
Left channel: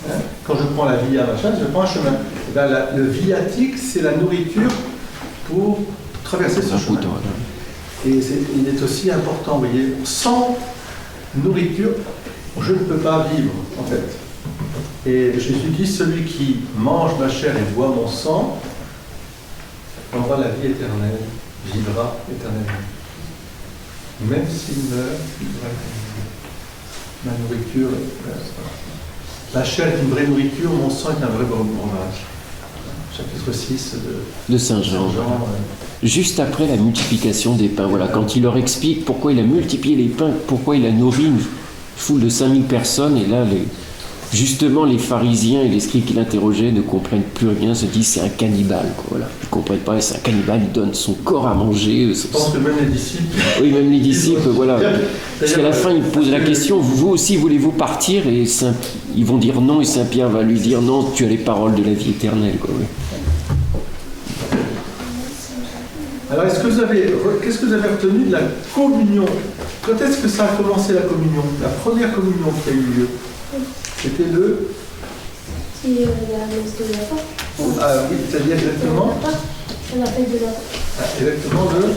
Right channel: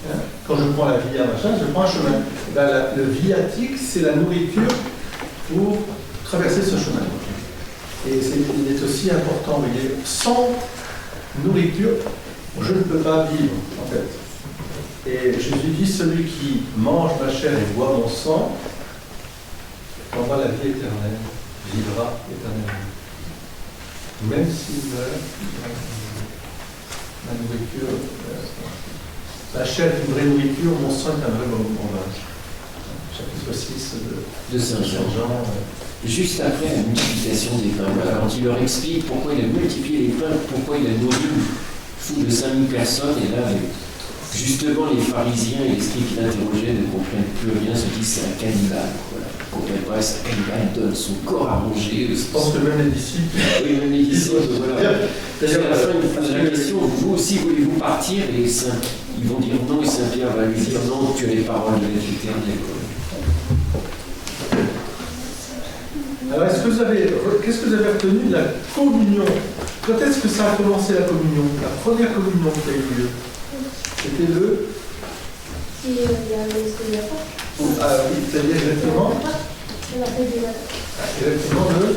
Hein? Quand je prends la via, machin, je prends un chemin. Et bien, le viatique, c'est la nourriture pour traverser ce chemin. Et il est aussi important, vous voyez, sans nourriture, je ne peux pas vivre, en fait. Et Jésus dit, celui qui mange ma chair et boit mon sang, aura la vie éternelle, vivra éternellement. Même s'il meurt, ma nourriture, la chair est une vraie nourriture, mon sang est un vrai breuvage. Chapitre 6 de Saint Jean. Juste après la multiplication des pains, voilà, quand il leur explique pourquoi il a multiplié les pains, pourquoi il a nourri une foule de 5000 personnes, et là, justement, les pharisiens et les scribes qui l'interrogeaient ne comprennent plus rien, se disent c'est un cannibale. Voilà. Ils ne comprennent pas, c'est un cannibale, il donne son corps à manger. Je pense que même les disciples. Oui, même les disciples, voilà. Parce qu'à la fin, il pose la question, vous aussi voulez-vous partir? Et ils vont dire non, et Saint Pierre va lui dire non, tu as les paroles de la vie éternelle. Quoi. Alors, qu'est-ce que vous avez retenu de la communion? Quand est-ce que ça a commencé la communion? La première communion qui a eu lieu? C'était le... C'est il y a le Pâques. Ah oui, c'est-à-dire exactement... La fête de la Ah, exactement le...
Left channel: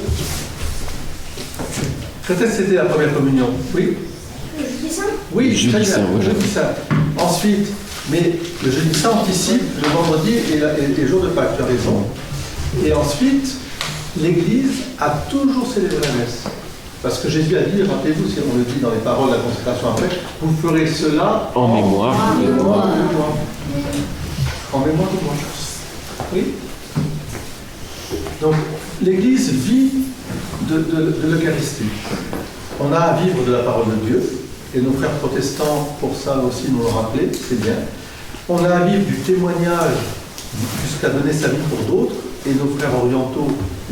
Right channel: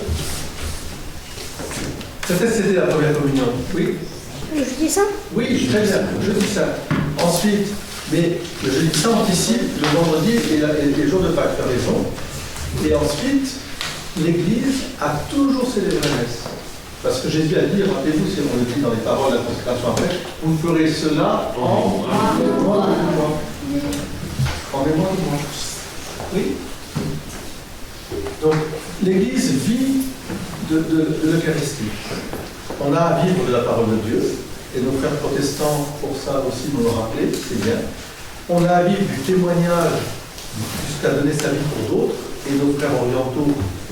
Quand est-ce que c'était la première communion? Oui. Le jeudi saint. Oui, très bien, le jeudi saint. Ensuite, mais le jeudi saint anticipe le vendredi et le jour de Pâques, tu as raison. Et ensuite, l'Église a toujours célébré la messe. Parce que Jésus a dit, rappelez-vous, si on le dit dans les paroles de la consécration après, vous ferez cela en mémoire de moi. En mémoire de moi. Oui. Donc, l'Église vit de l'Eucharistie. On a à vivre de la parole de Dieu, et nos frères protestants, pour ça aussi, nous l'ont rappelé, c'est bien. On a à vivre du témoignage jusqu'à donner sa vie pour d'autres, et nos frères orientaux,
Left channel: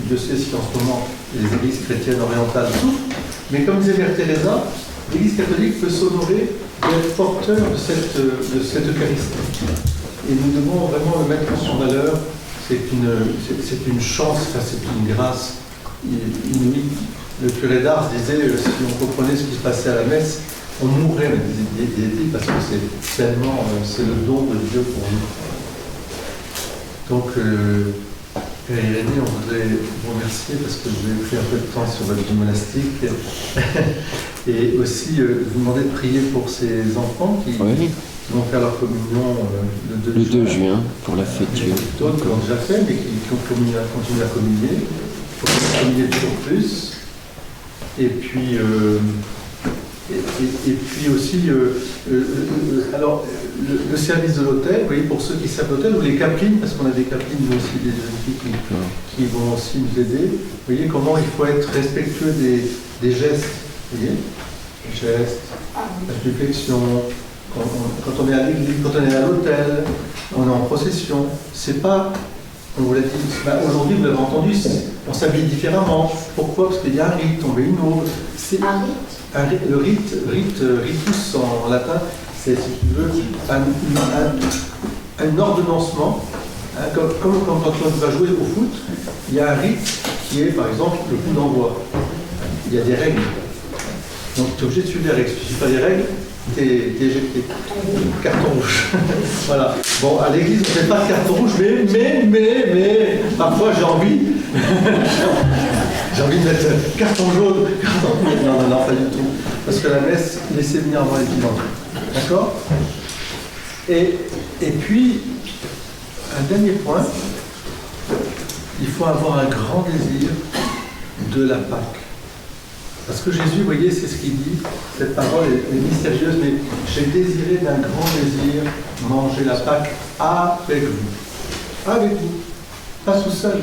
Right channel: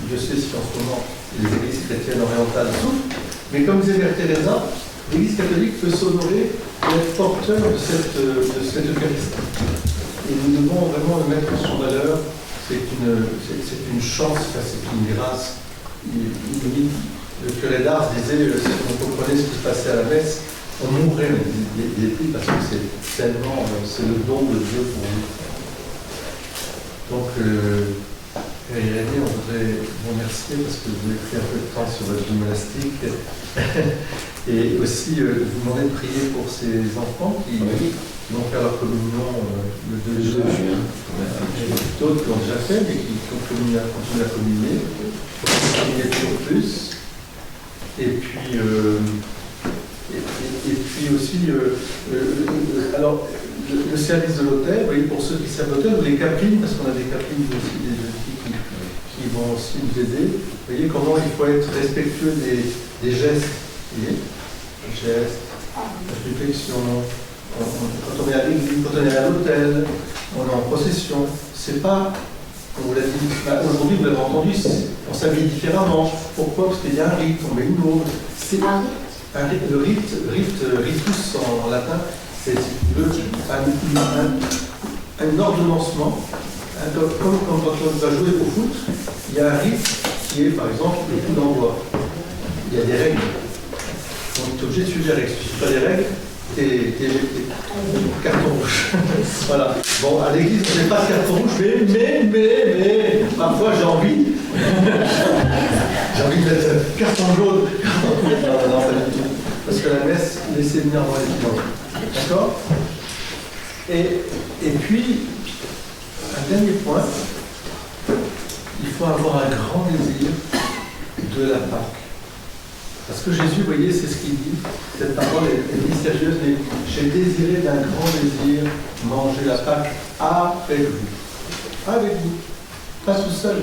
Dieu sait si en ce moment les églises chrétiennes orientales souffrent, mais comme disait Mère Teresa, l'Église catholique peut s'honorer d'être porteur de cette Eucharistie. Et nous devons vraiment le mettre en valeur. C'est une chance, c'est une grâce inouïe. Le curé d'Ars disait, si on comprenait ce qui se passait à la messe, on mourrait des parce que c'est tellement, c'est le don de Dieu pour nous. Donc, Père Irénée, on voudrait vous remercier parce que vous avez pris un peu de temps sur votre vie monastique et aussi vous demander de prier pour ces enfants qui vont faire leur communion le 2 juin pour la fête. D'autres qui l'ont déjà fait mais qui continuent à communier. Il faut communier toujours plus. Et puis puis aussi, alors, le service de l'hôtel, vous voyez, pour ceux qui servent l'hôtel, ou les caprines, parce qu'on a des caprines aussi, des filles qui vont aussi nous aider. Vous voyez comment il faut être respectueux des gestes. Vous voyez, gestes, réflexion. Quand on est à l'église, quand on est à l'hôtel, on est en procession. C'est pas, on vous l'a dit, aujourd'hui vous l'avez entendu, on s'habille différemment. Pourquoi? Parce qu'il y a un rite, on met une aube. Le ritus en latin, c'est, si tu veux, un ordonnancement. Comme quand on va jouer au foot, il y a un rite qui est, par exemple, le coup d'envoi. Il y a des règles. Donc tu es obligé de suivre les règles. Si tu ne suis pas les règles, t'es éjecté. Carton rouge. Voilà. Bon, à l'église, on n'est pas de carton rouge, mais, parfois j'ai envie. J'ai envie de mettre carton jaune. Non, pas du tout. Parce que la messe, laissez venir avant les dimanches. D'accord? Et puis, un dernier point, il faut avoir un grand désir de la Pâque. Parce que Jésus, vous voyez, c'est ce qu'il dit, cette parole est mystérieuse, mais j'ai désiré d'un grand désir manger la Pâque avec vous. Avec vous. Pas tout seul,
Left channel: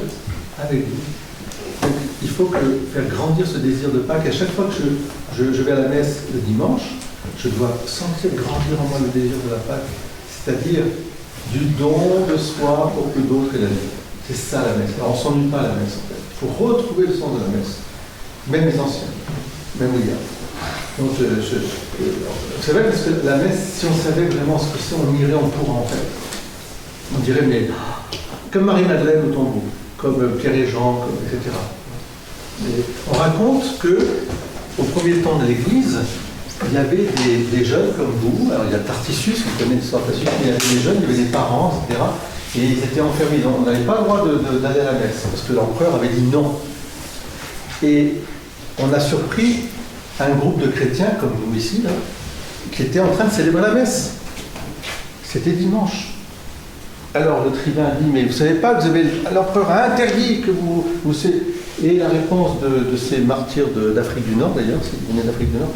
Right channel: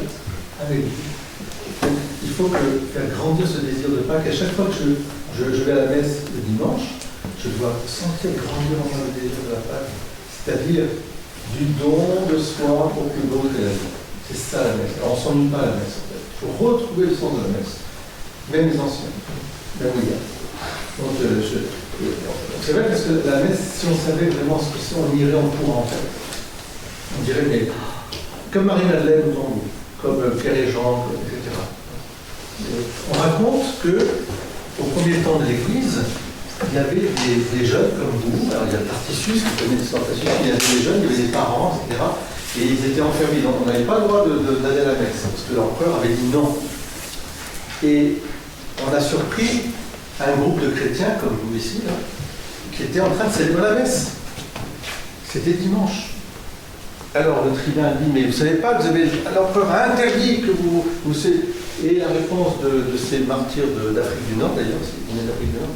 avec vous. Donc, il faut faire grandir ce désir de Pâques. Et à chaque fois que je vais à la messe le dimanche, je dois sentir grandir en moi le désir de la Pâque, c'est-à-dire du don de soi pour que d'autres aient la vie. C'est ça la messe. Alors, on ne s'ennuie pas à la messe, en fait. Il faut retrouver le sens de la messe. Même les anciens, même les gars. Donc, c'est vrai parce que la messe, si on savait vraiment ce que c'est, on irait en courant, en fait. On dirait, mais comme Marie-Madeleine au tombeau, comme Pierre et Jean, etc. Et on raconte qu'au premier temps de l'Église, il y avait des jeunes comme vous. Alors, il y a Tarticius qui connaît l'histoire de Tarticius, il y avait des jeunes, il y avait des parents, etc. Et ils étaient enfermés. Donc, on n'avait pas le droit d'aller à la messe, parce que l'empereur avait dit non. Et on a surpris un groupe de chrétiens, comme nous ici, là, qui étaient en train de célébrer la messe. C'était dimanche. Alors le tribun dit, mais vous ne savez pas, l'empereur a interdit que vous... Et la réponse de ces martyrs d'Afrique du Nord, d'ailleurs, ils venaient d'Afrique du Nord,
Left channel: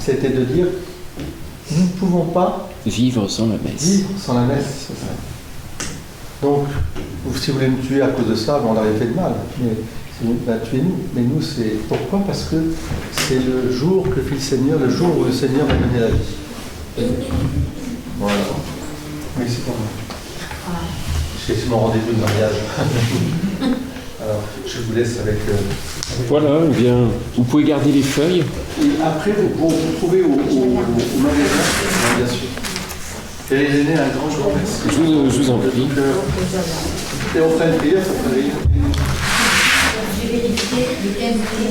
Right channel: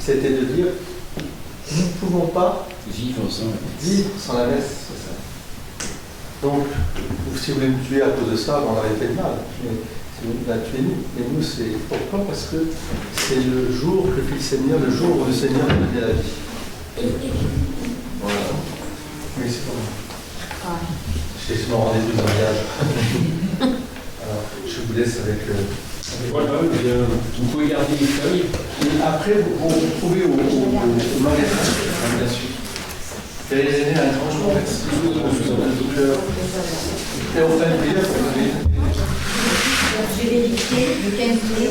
c'était de dire, nous ne pouvons pas vivre sans la messe. Vivre sans la messe, c'est ça. Donc, si vous voulez me tuer à cause de ça, on l'aurait fait de mal. Mais, tuez-nous. Mais nous, c'est pourquoi? Parce que c'est le jour que fit le Seigneur, le jour où le Seigneur a donné la vie. Voilà. Oui, c'est pour moi. C'est mon rendez-vous de mariage. Alors, je vous laisse avec... Voilà, eh bien, vous pouvez garder les feuilles. Et après, vous trouvez au magasin, bien sûr. Et les aînés, un grand jour. Je vous en prie. Et on fera une prière. J'ai vérifié le 15 mai,